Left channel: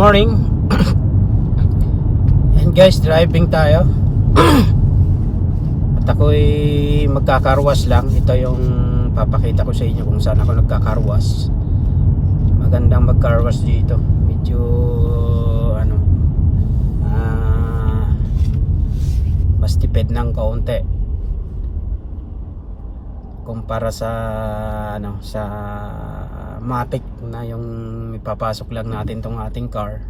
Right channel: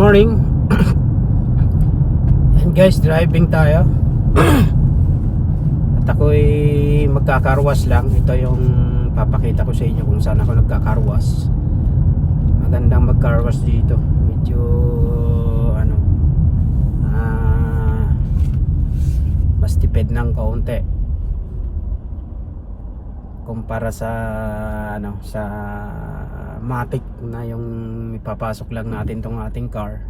morning. And guys, driving tayo. At ako'y magkakarwas lang. Ito yung papakita ko sa inyo kung saan ako nagkakarwas. Magandang magkarwas dito. Medyo mas tipid ng kaunti kumpara sa sa Matic na yung ipapasok lang natin tong ating car,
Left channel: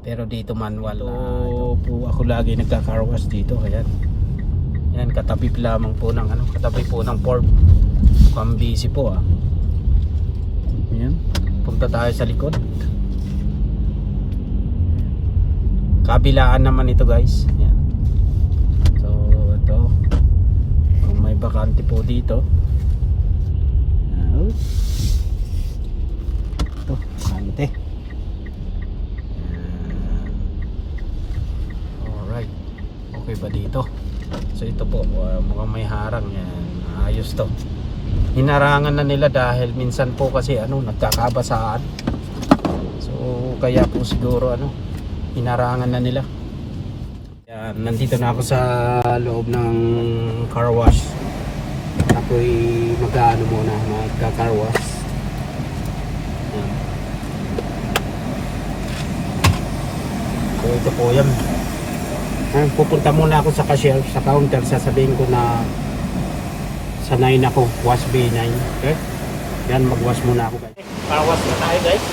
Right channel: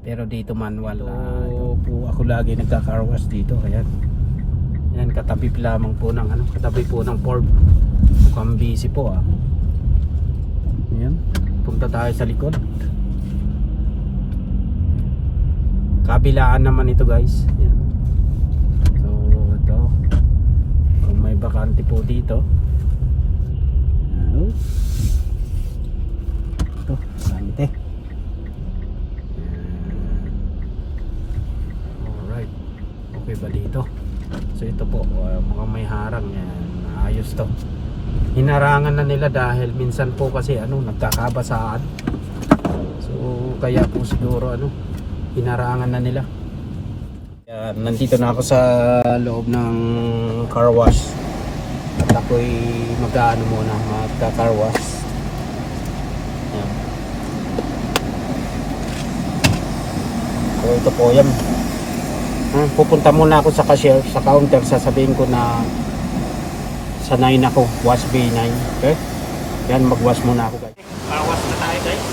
pero dito manual. Po ako lagi nagka-car wash dito. Ayan, katabi lamang po ng katabi po ng Ford. Mukhang busy po Ayan, punta tayo sa likod. Kabilaan naman ito guys. Ayan. So ito, may bakante po dito. Ito, bakante. Alright, okay ba dito? So ito po, mukhang may harang. Yan, ayos to. Hinarangan na nila dahil minsan po kasi nagkakabasaan. So kaya po siguro hinarangan na nila. Yan, nandito na ako sa loob ng car wash. At ako'y magka-car wash. Yan. So ito po yan. Pupunta muna ako sa cashier, sa counter. Sasabihin ko na sanay na ako, wash B9. Okay? Yan, mag-wash muna ako guys. Car wash na tayo guys.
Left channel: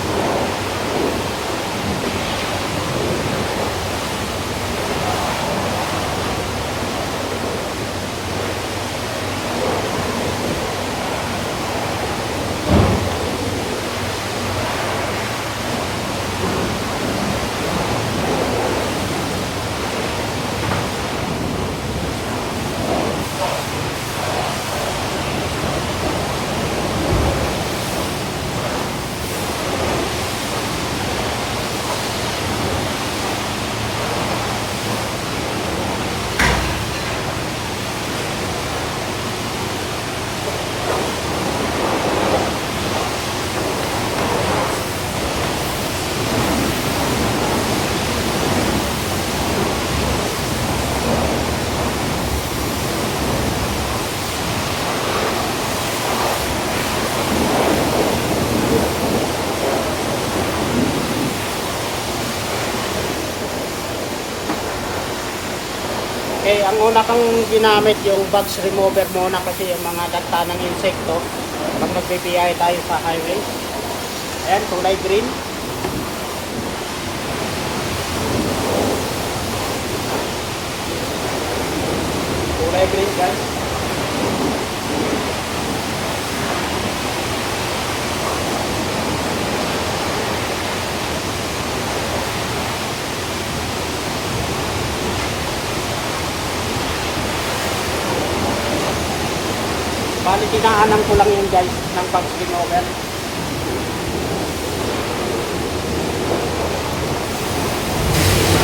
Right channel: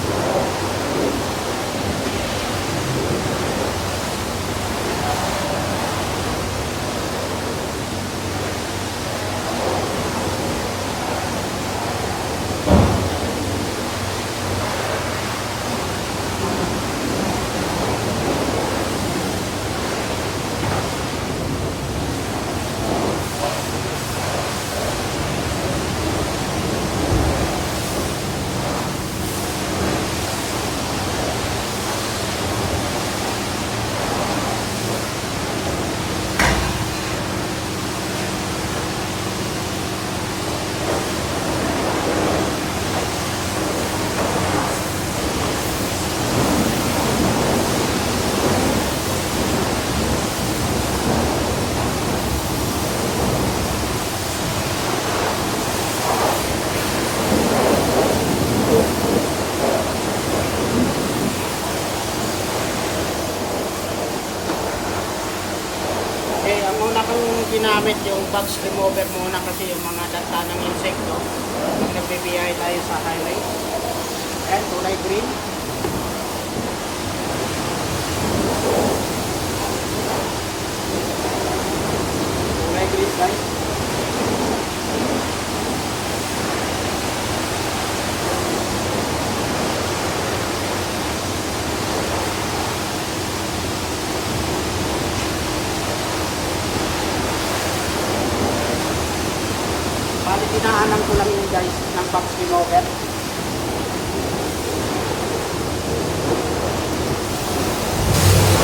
Okay, ang una kang ginamit yung box remover muna kasi yung mga dagta ng insekto pag nagbibiyahe tayo sa highway. Ayan, kulay green. Kulay green guys. Bali, tinaanan ko lang yun guys ng box remover.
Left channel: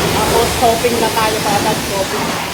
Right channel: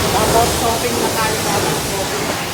Tapos shopping na tayo sa agad. Shopping.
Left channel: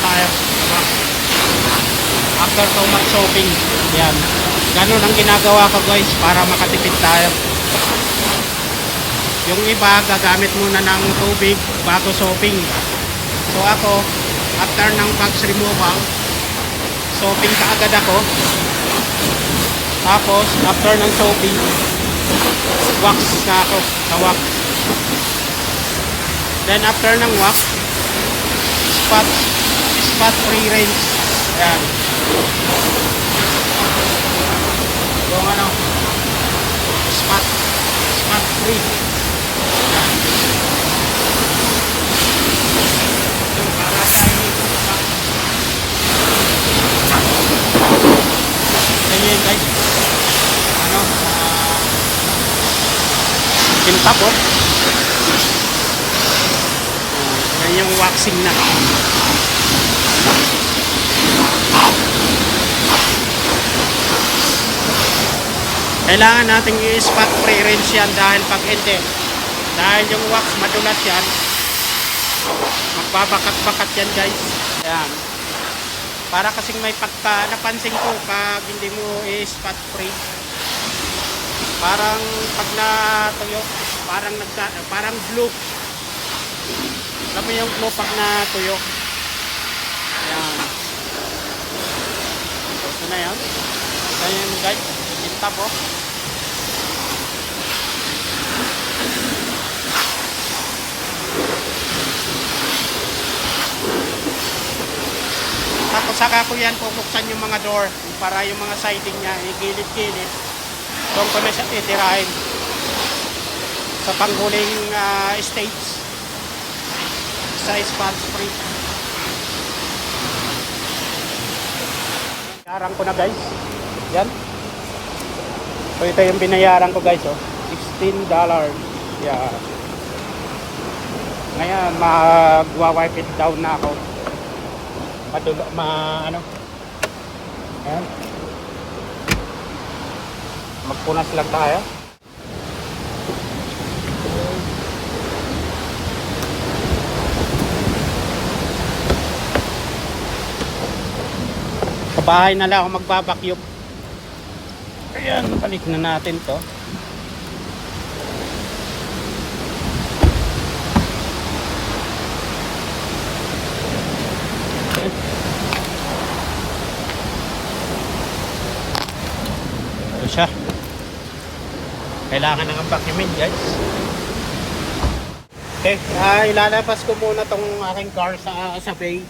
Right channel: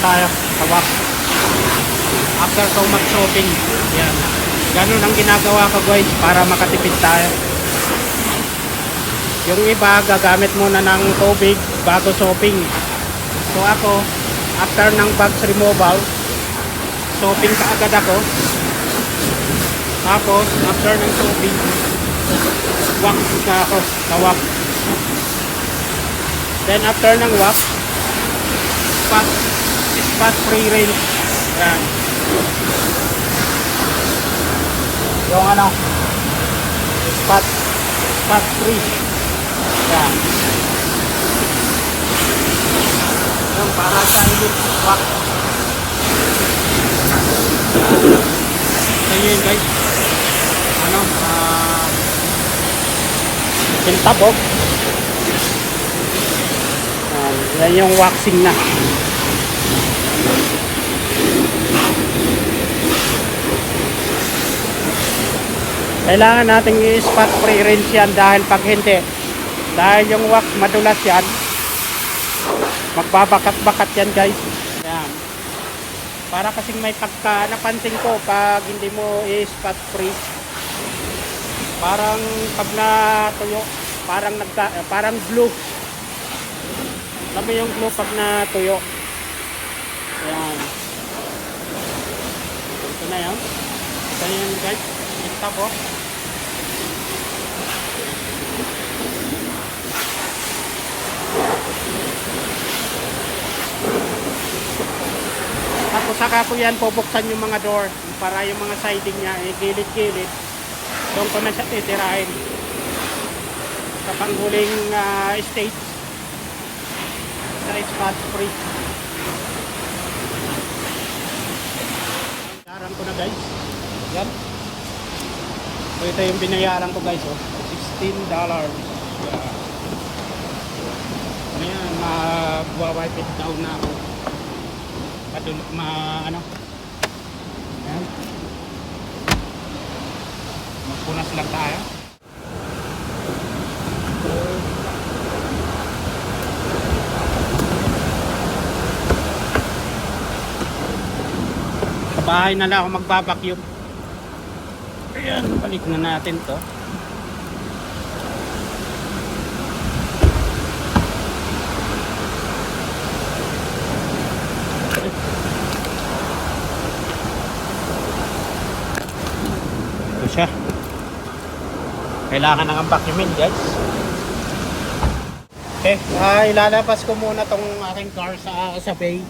tayo sa wax. After so much shopping, yan. Ganun ang ginagawa ko guys para makatipid tayo. Yung iba gagamit muna ng tubig bago shopping. So ako, after ng bags removal, shopping kaagad ako. Tapos after ng shopping, wax na ako sa wax. Then after ng wax, spot free range. Yan. Yung ano, spot free. Yan. Yung para sa wax. Yan. So yun guys. Ano, kintabok. Yan yung waxing na. Kailangan natin i-spot pre-rinse yan dahil pag hindi, dahil yung wax madulas yan, magbabakat-bakat yan guys. Yan. Para kasing may pagka, napansin ko pag hindi mo i-spot free, parang pag natuyo, parang glue. Alam mo yung glue pag natuyo. Yan. So, ito na yan. Ito na yan guys. Kintab oh. Tapos saka ko yan pupuksan yung mga door para yung mga siding niya gilid-gilid. Doon ko na siya titirahin sa panghuling stage sa spot free. Binayaran ko na guys. Yan. So ito yung binayaran ko guys oh. $16. Yeah. Ngayon mag-wipe it down na ako. Ano? Ayan. Magpunas lang tayo. Sa bahay na lang ako magbabacuum. Ayan, balik na natin to. Ito siya. Kailangan nang vacuumin guys. Okay, ilalabas ko muna tong aking car sa bay.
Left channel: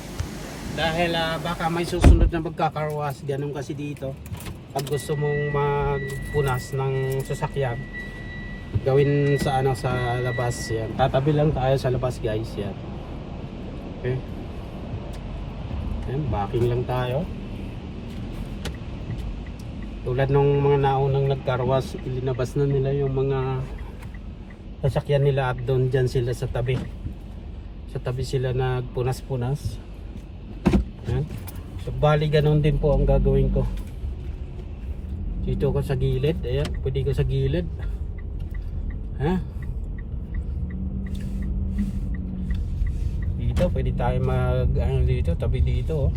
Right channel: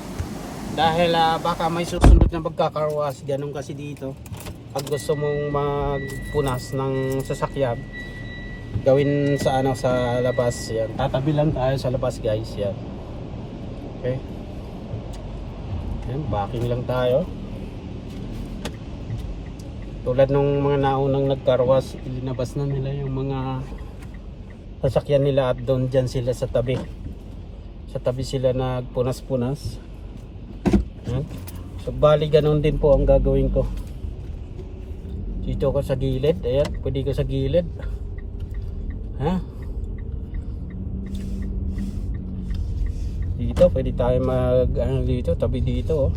Dahil baka may susunod na magkakarwas. Ganun kasi dito. Pag gusto mong magpunas ng sasakyan, gawin sa sa labas yan. Tatabi lang tayo sa labas guys yan. Okay. Yan, backing lang tayo. Tulad nung mga naunang nagkarwas, ilinabas na nila yung mga sasakyan nila at doon dyan sila sa tabi. Sa tabi sila nagpunas-punas. Yan. So bali ganun din po ang gagawin ko. Dito ko sa gilid, ayan, pwede ko sa gilid. Ha? Dito, pwede tayo dito, tabi dito oh.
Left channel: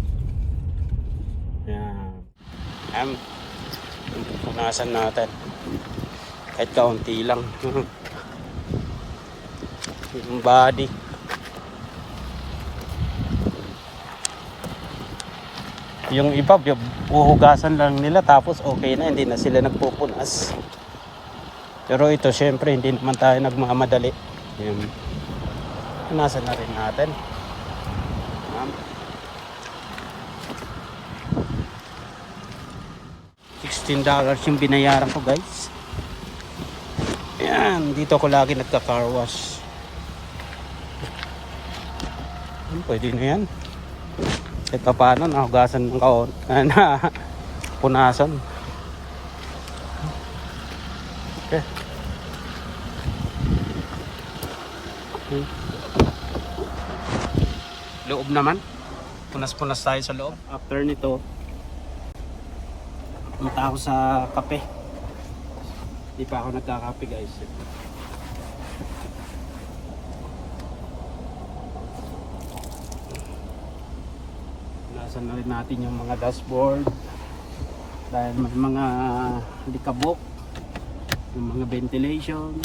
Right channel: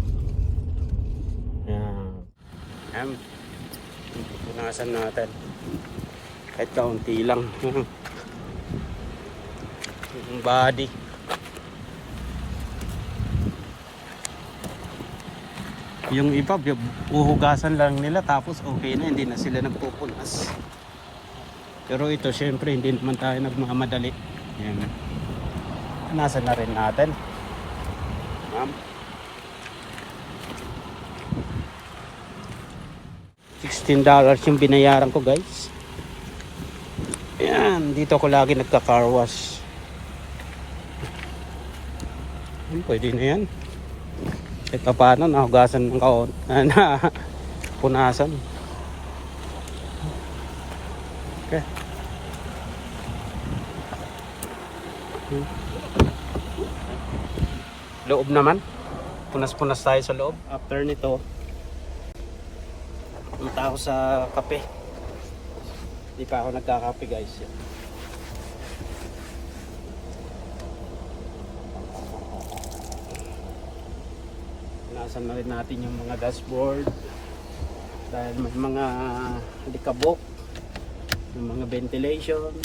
Ayan. Punasan natin. Kahit kaunti lang. Yung body. Yung iba, uhugasan lang nila tapos okay na, hindi na sila nagpupunas. Pero ito syempre hindi naman tayo nagmamadali. Ayan. Punasan na rin natin. $16 yung binayaran ko guys. Ayan, dito ko lagi nagka-car wash. Pwede na yan. Kahit paano nahugasan ng na punasan. Okay. Loob naman. Punas-punas tayo sa loob. After nito, punta ako sa kape. Hindi pa ako nagkakape guys. Punasan na rin natin yung mga dashboard dahil may mga likabok, yung mga ventilation,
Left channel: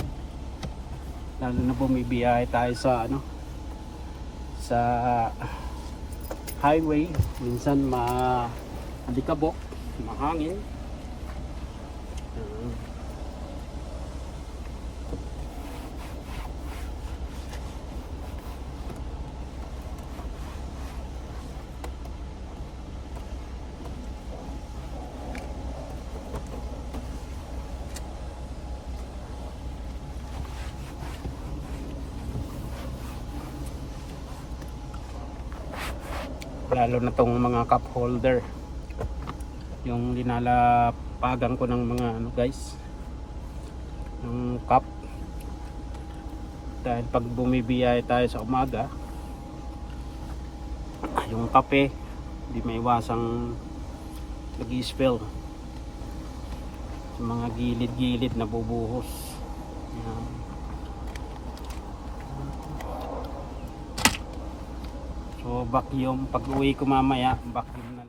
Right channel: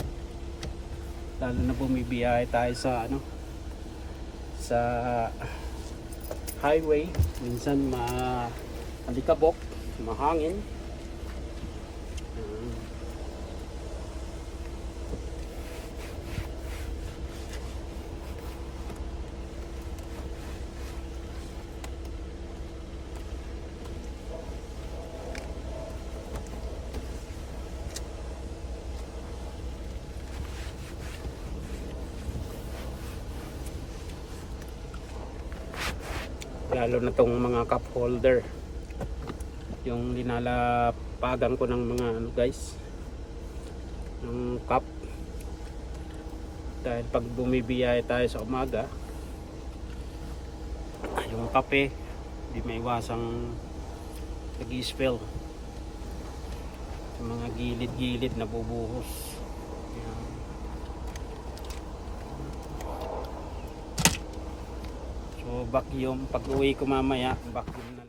lalo na bumibiyahe tayo sa sa highway, minsan malikabok, mahangin. Lalo na tong mga cup holder, yung linalapagan ko ng mga guys, ng cup, dahil pag bumibiyahe tayo sa umaga, yung kape hindi maiwasang nag-i-spill sa mga gilid-gilid na bubuhos. Yan. So vacuum, pag uwi ko mamaya, vacuum na.